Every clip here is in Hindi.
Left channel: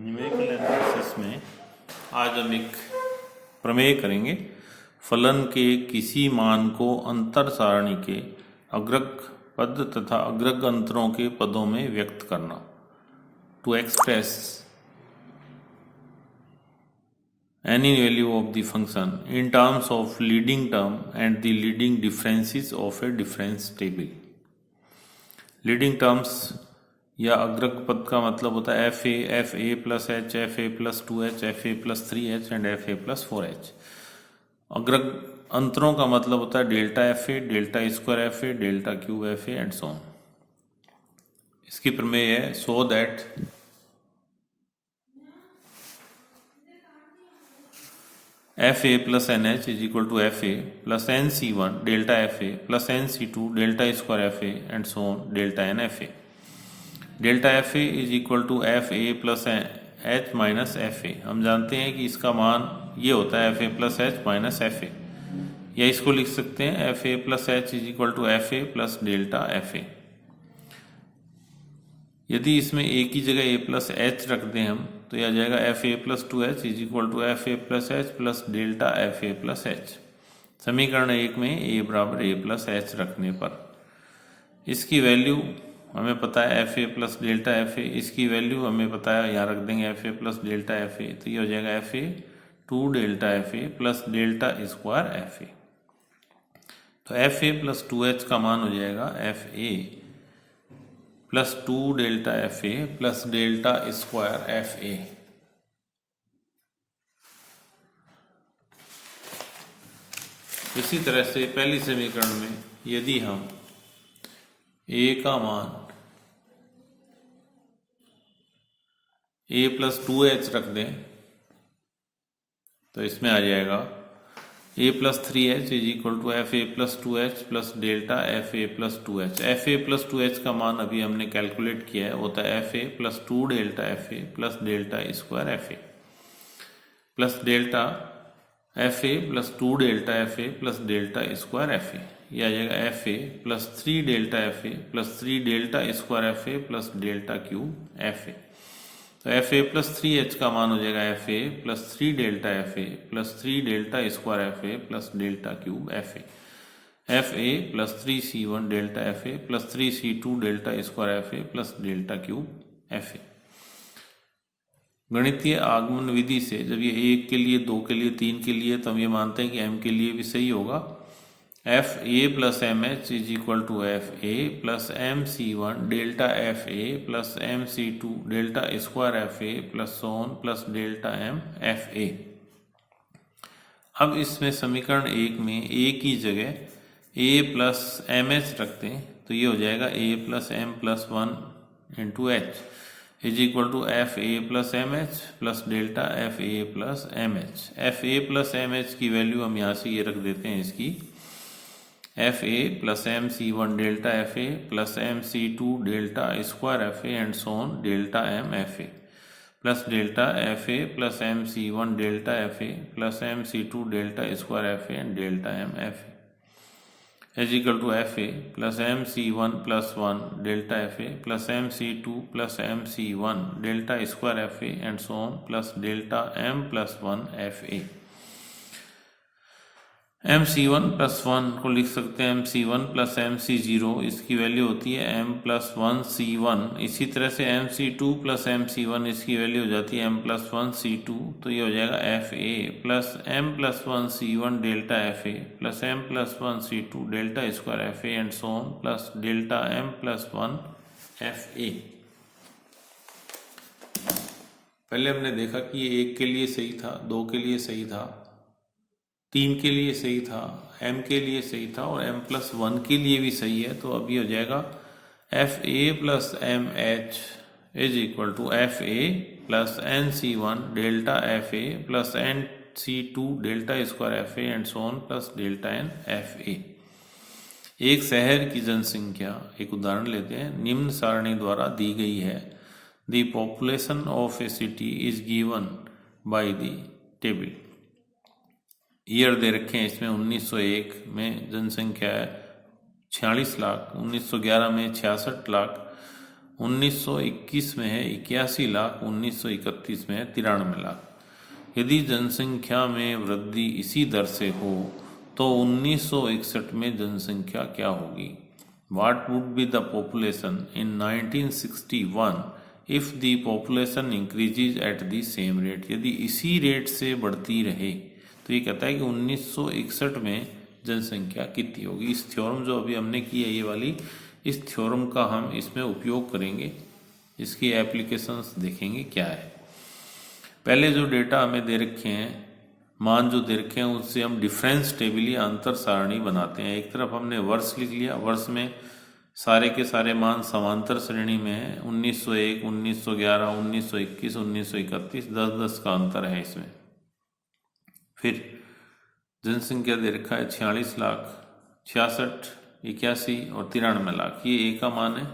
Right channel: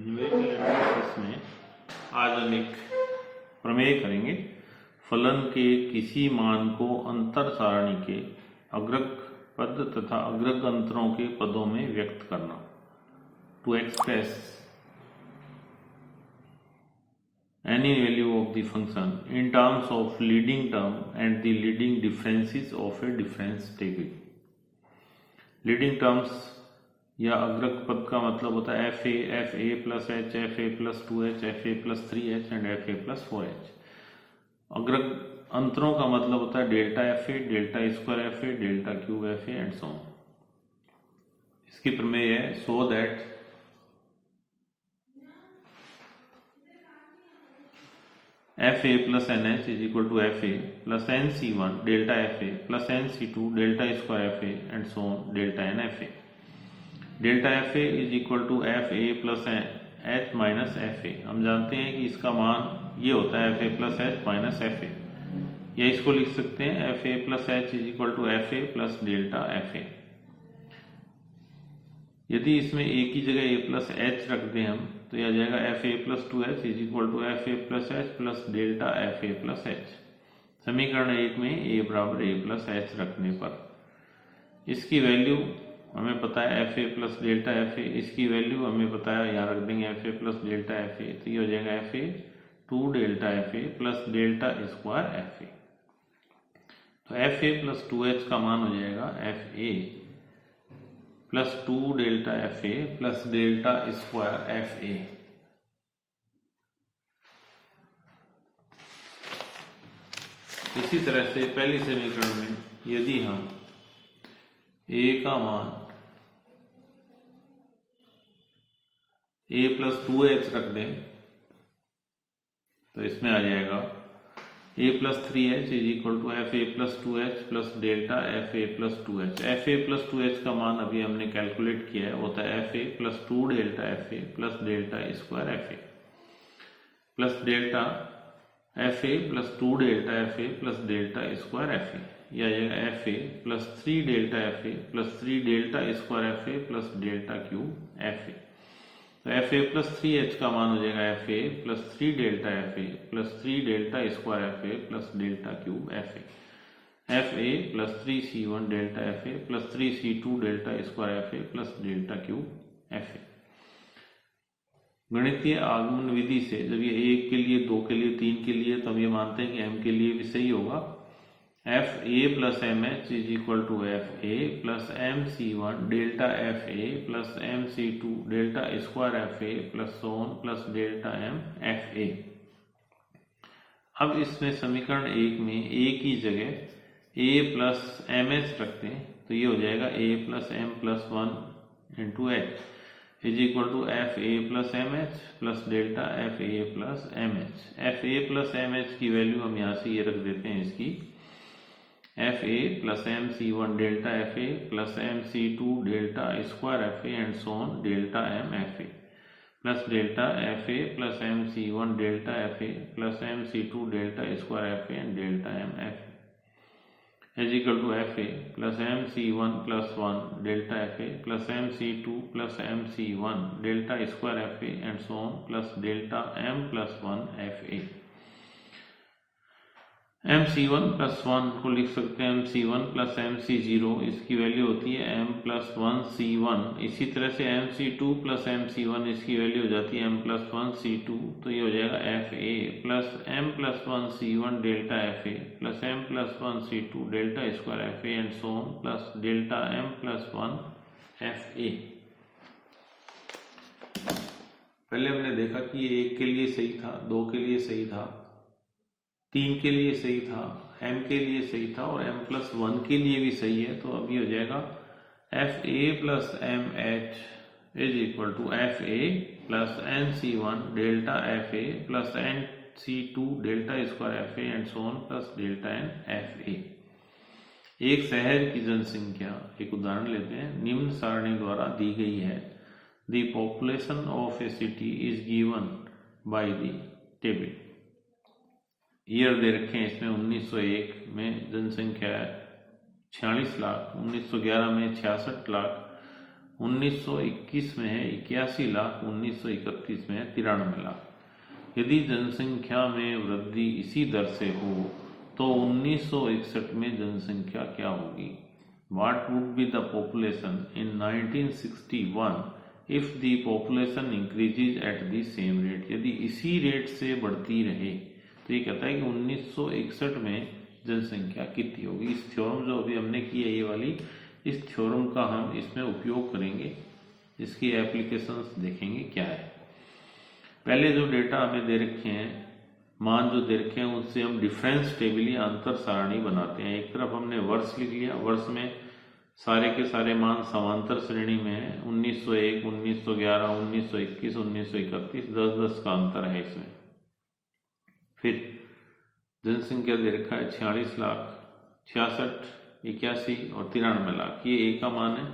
न्यूमेरिकल एनालिसिस में आज हम एक प्रमेय करेंगे। फलन के किसी मान को अंतर सारणी के अग्रक पद तथा अग्रक अंतरों के पदों में व्यक्त करना। To express any value of the function in terms of leading term and the leading differences of a difference table। Leading terms या अग्रक पद का मतलब होता है f a plus h, f a plus 2h, f a plus 3h and f a plus 4h। अग्रक अंतरों का मतलब होता है delta f a, delta square f a, delta cube f a and so on. इसकी प्रमेय है so that f a plus n h is equal to f a plus n c one delta f a plus n c two delta square f a and so on delta n f a. Delta f a is equal to f a plus h minus f a. हम जानते हैं कि इसका मान ये होता है f a plus h minus f a, या इसको लिख सकते हैं f a plus h is equal to f a plus delta f a. यदि इसमें ए की जगह ए प्लस एच रख दें हम तो यह आ जाएगा f a plus 2h is equal to f a plus h plus delta f a plus h. समीकरण 1 में ए बराबर ए प्लस एच रखने पर इसकी वैल्यू हमें पता है f a plus delta f ए, इसकी वैल्यू हमें पता है यहाँ रख देंगे F a plus delta f ए, तो ये हो जाएगा f A 2 delta f a plus delta square f ए। तो एफ ए प्लस 2h का मान हो जाएगा f a plus 2 delta f a plus delta square f ए। इसी तरह से पहली समीकरण में यदि हम ए का मान ए प्लस 2h रख दें तो इसमें आ जाएगा a plus 3h is equal to f a plus 2h plus delta f a plus 2h। F a plus 2h का मान अभी हमने कैलकुलेट किया है, होता है f a plus 2 delta f a plus delta square f a plus delta f a plus 2 delta f a plus delta square f ए। यह आ जाएगा f a plus 3 delta f a plus 3 delta square f a plus delta cube f ए। तो एफ ए प्लस 3h का मान हो जाएगा f a plus 3 delta f a plus 3 delta square f a plus delta cube f A. F a plus 3c1 delta f a plus 3c2 delta square f a plus delta cube f ए। गणितीय आगमन विधि से जब ये 1 के लिए, 2 के लिए, 3 के लिए, तो हम ये मानते हैं कि m के लिए भी सही होगा। F a plus m h is equal to f a plus m c one delta f a plus m c two delta square f a plus so on plus delta m f a. अब इसमें समीकरण 1 में ए की जगह ए प्लस एम एच रखते हैं तो ये हो जाएगा a plus m plus 1 into h is equal to f a plus m h plus delta f a plus m h. F a plus m h की वैल्यू हम यहाँ से ये रख देते हैं इसकी f a plus m c one delta f a plus m c two delta square f a and so on delta m f a plus delta f a plus m c one delta f a plus m c two delta square f a and delta m f a is equal to f a plus m c one plus 1 delta f a plus m c two plus m c one delta square f a and so on plus delta m plus 1 f a. M c one plus 1 को लिख सकते हैं m c one plus m c zero, इसकी वैल्यू होती है एम प्लस 1 सी वन। इसी तरह से m c two plus m c one, इसकी वैल्यू हो जाती है एम प्लस 1 सी टू। तो ये हो जाएगा f a plus m plus 1 c one delta f a plus m plus 1 c two delta square f a and so on plus delta m plus 1 f a. पहले हमने देखा कि ये 1 के लिए सही था, 2 के लिए सही था, 3 के लिए सही था, m के लिए सही था और m प्लस 1 के लिए भी सही है। तो अब ये हो जाएगा f a plus m h is equal to f a plus n c one delta f a plus n c two delta square f a and so on plus delta n f a. एक शहर की जनसंख्या, एक उदाहरण लेते हैं, निम्न सारणी द्वारा दी गई है। The population of a city is given by the table. Year दे रखे हैं इसमें 1901 में जनसंख्या है 46 लाख, 1911 में 66 लाख, 1921 में है 81 लाख, 1931 में है 93 लाख। यदि जनसंख्या में वृद्धि इसी दर से हो तो 1961 में जनसंख्या क्या होगी? What would be the population in 1961 if the population increases at the same rate? यदि इसी रेट से बढ़ती रहे तो ये कहता है कि 1961 में जनसंख्या कितनी होगी। इस थ्योरम जो अभी हमने की है ये वाली, इस थ्योरम का हम इसमें उपयोग करेंगे, इसकी एप्लीकेशंस देखेंगे क्या है। पहले जो डेटा हमें दे रखे हैं, मान जो दे रखे हैं, उससे हम डिफरेंस टेबल या अंतर सारणी बनाते हैं। एक तरफ हमने वर्ष लिख लिया, वर्ष में सारे के सारे मान समांतर श्रेणी में है, 1901, 1911, 1921, 1931, 10-10 का अंतर है इसमें। फिर जनसंख्या दे रखा है 46 लाख, 66, 81 और 93 लाख। ये ए का मान है,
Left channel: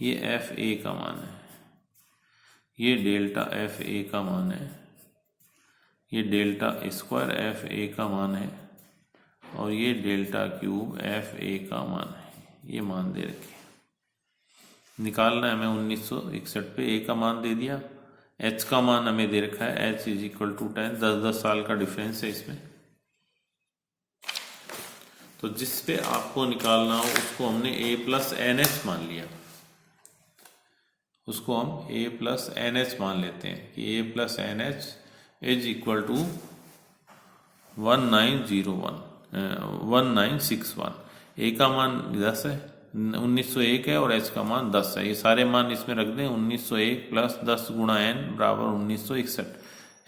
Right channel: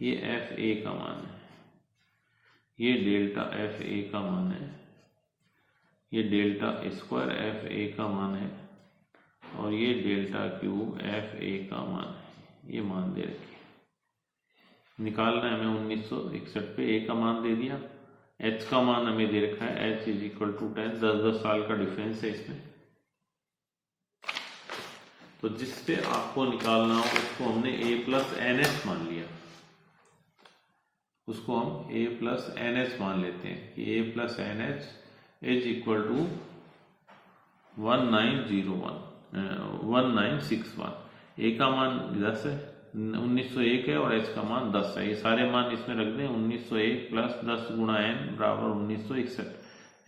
ये एफ ए का मान है, ये डेल्टा एफ ए का मान है, ये डेल्टा स्क्वायर एफ ए का मान है और ये डेल्टा क्यूब एफ ए का मान है। ये मान दे रखे, निकालना है हमें 1961 पे। ए का मान दे दिया, एच का मान हमें दे रखा है, एच इज इक्वल टू 10, 10-10 साल का डिफरेंस है इसमें। तो जिस पे आपको निकालना हो उसको हमने ए प्लस एन एच मान लिया, उसको हम ए प्लस एन एच मान लेते हैं कि a plus n h is equal to 1961। A का मान 10 है, 1901 है और एच का मान 10 है। ये सारे मान इसमें रख दें, 1901 प्लस 10 गुणा एन बराबर 1961।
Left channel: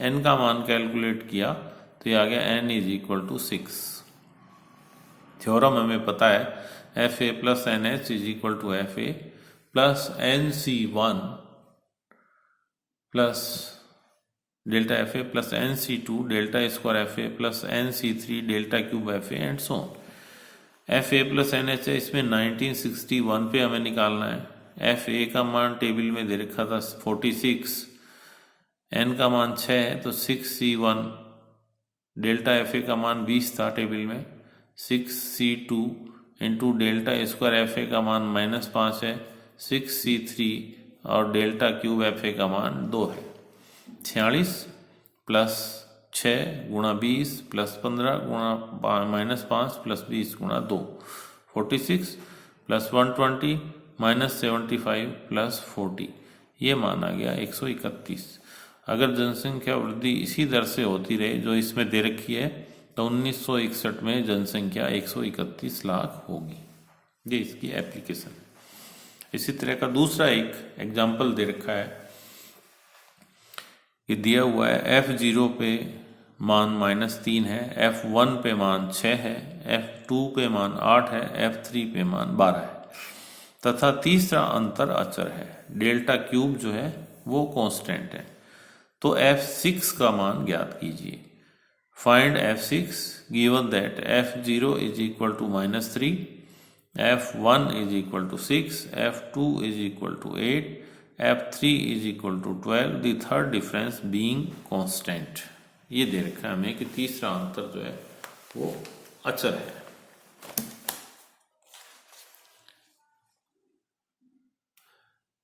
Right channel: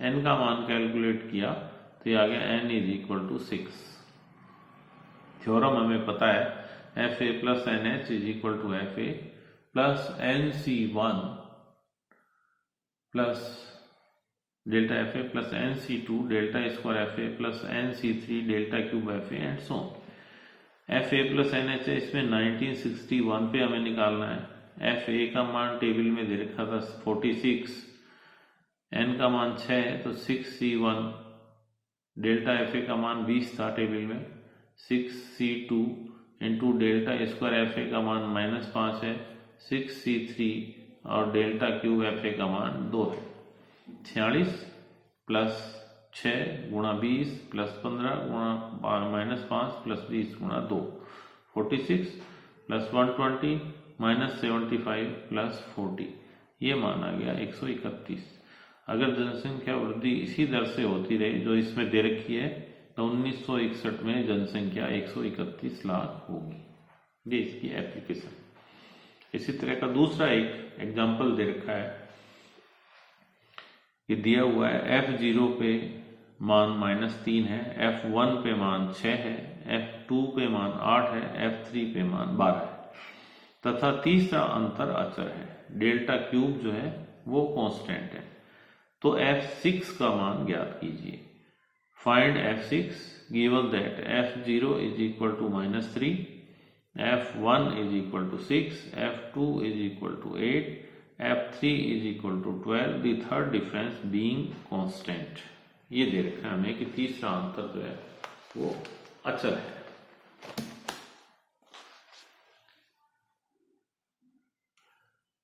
एन का मान कैलकुलेट किया तो ये आ गया n is equal to 6। Theorem हमें पता है, f a plus n h is equal to f a plus n c 1 plus delta f a plus n c 2 delta square f a plus n c 3 delta cube f a and so on. F a plus n h है, इसमें 1961 पे हमें निकालना है। एफ ए का मान टेबल में दे रखा था 46, एन का मान 6 है तो 6C1, डेल्टा एफ ए का मान 20 था टेबल में, 6C2 into delta square f a का मान -5 है, 6C3 और डेल्टा क्यूब एफ ए का मान 2 है। 46 प्लस 6 गुणा 20 प्लस 15 गुणा -5 प्लस 20 गुणा 2, 46 प्लस 120 माइनस 75 प्लस 40, ये मान आ गया 131। अगर जनसंख्या वृद्धि इसी दर से होती रही जो इसमें दे रखी है तो 1961 में जनसंख्या 131 लाख होगी। ये इसकी एप्लीकेशन। इसी तरह का दूसरा एक एग्जाम्पल दे रखा है कि दिया हुआ है F0 पे मान -3 है, F1 पे मान 6 है, F2 पे मान 8 है, F3 पे मान 12 है तथा तीसरा अंतर अचर है। डेल्टा क्यूब जो है वो कांस्टेंट है। तो F6 का मान ज्ञात कीजिए। Find F6 given that F0 is equal to -3, F1 is equal to 6, F2 is equal to 8, F3 is equal to 12, the third difference being constant. ये दे रखा है हमें कि तीसरा अंतर जो है वो अचर है।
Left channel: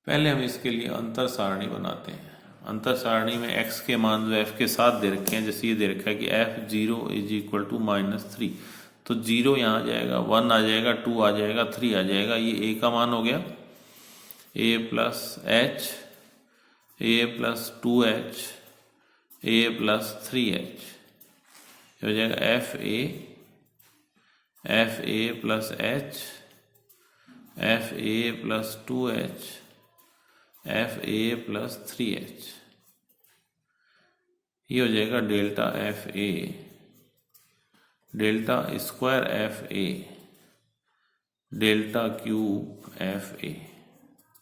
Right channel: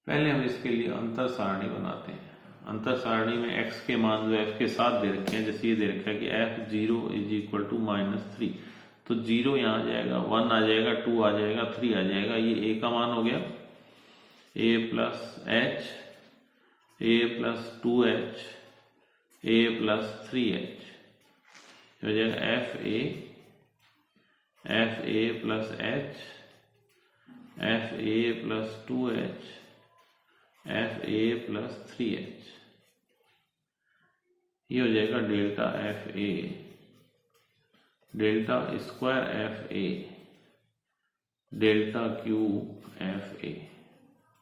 पहले हम इसके लिए अंतर सारणी बनाते हैं। अंतर सारणी में x के मान जो f के साथ दे रखे हैं, जैसे ये दे रखा है कि F0 इज इक्वल टू -3, तो 0 यहाँ आ जाएगा, 1 आ जाएगा, 2 आ जाएगा, 3 आ जाएगा। ये a का मान हो गया, a plus h, a plus 2h, a plus 3h, हो जाएगा f a plus h, f a plus 2h, f a plus 3h, ये हो जाएगा delta f a, delta square f a, delta cube f a,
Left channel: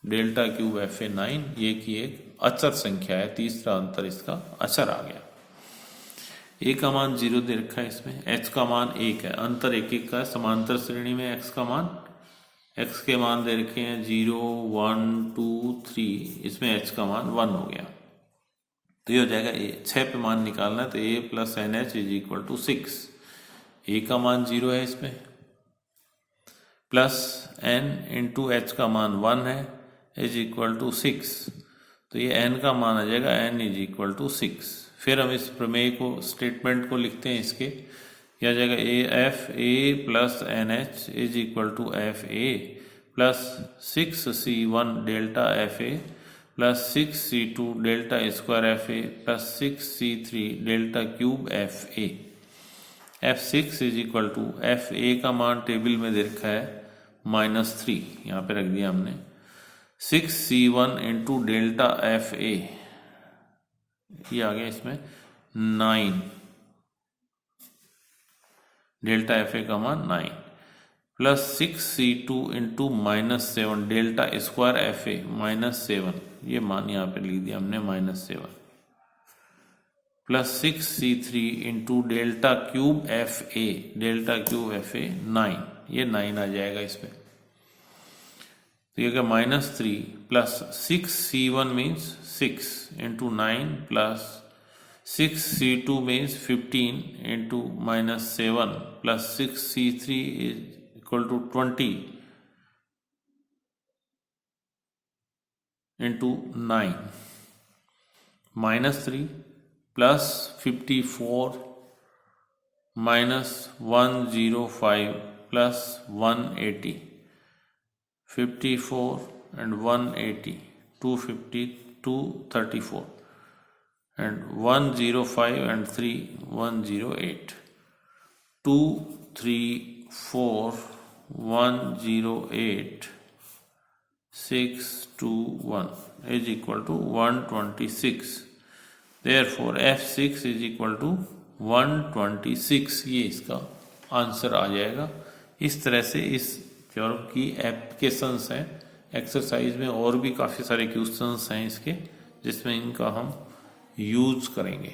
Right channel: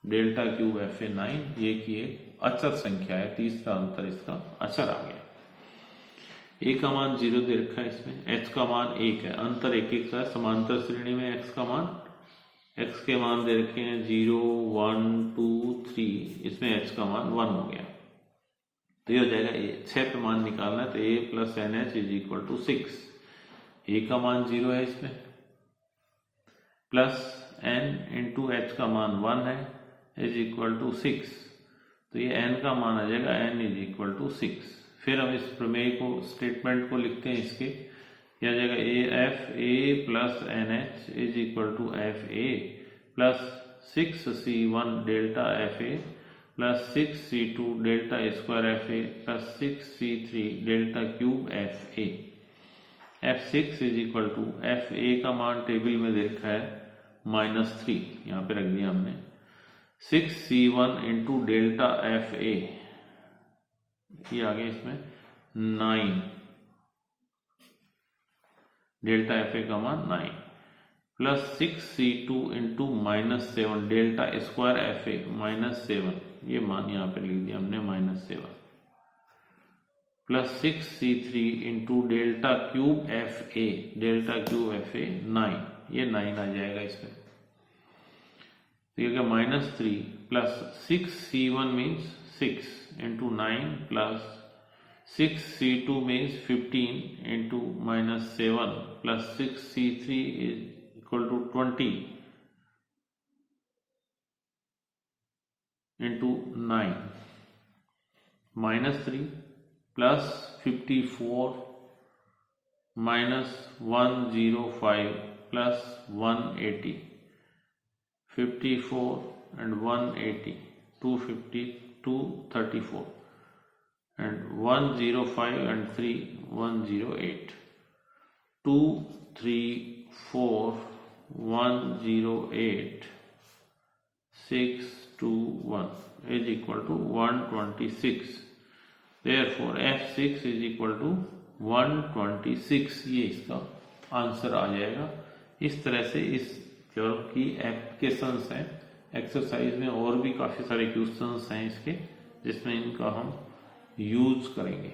delta cube f ए 9, ये की एक अचर संख्या है। तीसरा अंतर इसका अचर आ गया। ए का मान 0 दे रखा है इसमें, एच का मान 1 है, अंतर 1-1 का है। समांतर श्रेणी में एक्स का मान, एक्स के मान दे रखे हैं 0, 1, 2, 3, इसमें एच का मान 1 हो गया। तो ये हो जाएगा 6 पे मान निकालना है तो a plus n h is equal to 6। A का मान 0 है इसमें, प्लस n इंटू एच का मान 1 है, इज इक्वल टू 6, तो ये n का मान आ जाएगा n इज इक्वल टू 6। फिर हम इस प्रमेय को, स्टेटमेंट को लिखते हैं इसके, क्या आ जाएगा, f a plus n h is equal to f a plus 6c1 delta f a plus 6c2 delta square f a plus 6c3 delta cube f a. f6 is equal to f a का मान टेबल में दे रखा है -3, यहाँ पे रख दिया हमने, 6c1 इंटू डेल्टा एफ ए, ये आ गया इसमें 9, डेल्टा एफ ए का मान 9 plus 6c2 into -7 delta square f ए -7, ये मान यहाँ पे लिख दिया हमने -7 plus 6c3 into delta cube f a, delta cube f ए 9, ये 9 आ जाएगा इसमें। तो ये क्या, -3 plus 6c1 means 6 into 9 plus 6c2 means 15 into -7 plus 6c3 is equal to 20 into 9 -3 plus 54 -105 plus 180, 54 and 180, 250, 234 and 105 and 3, 108, 2, 3, 4, 108, 6, 2, 1 is equal to 126। Therefore f6 is equal to 126, ये इसका आंसर आ जाएगा। इस तरह से इस थ्योरम की एप्लीकेशंस हैं एक्सरसाइज में, और भी काफ़ी सारे क्वेश्चंस हैं इसके जिसमें इनका हम यूज करेंगे।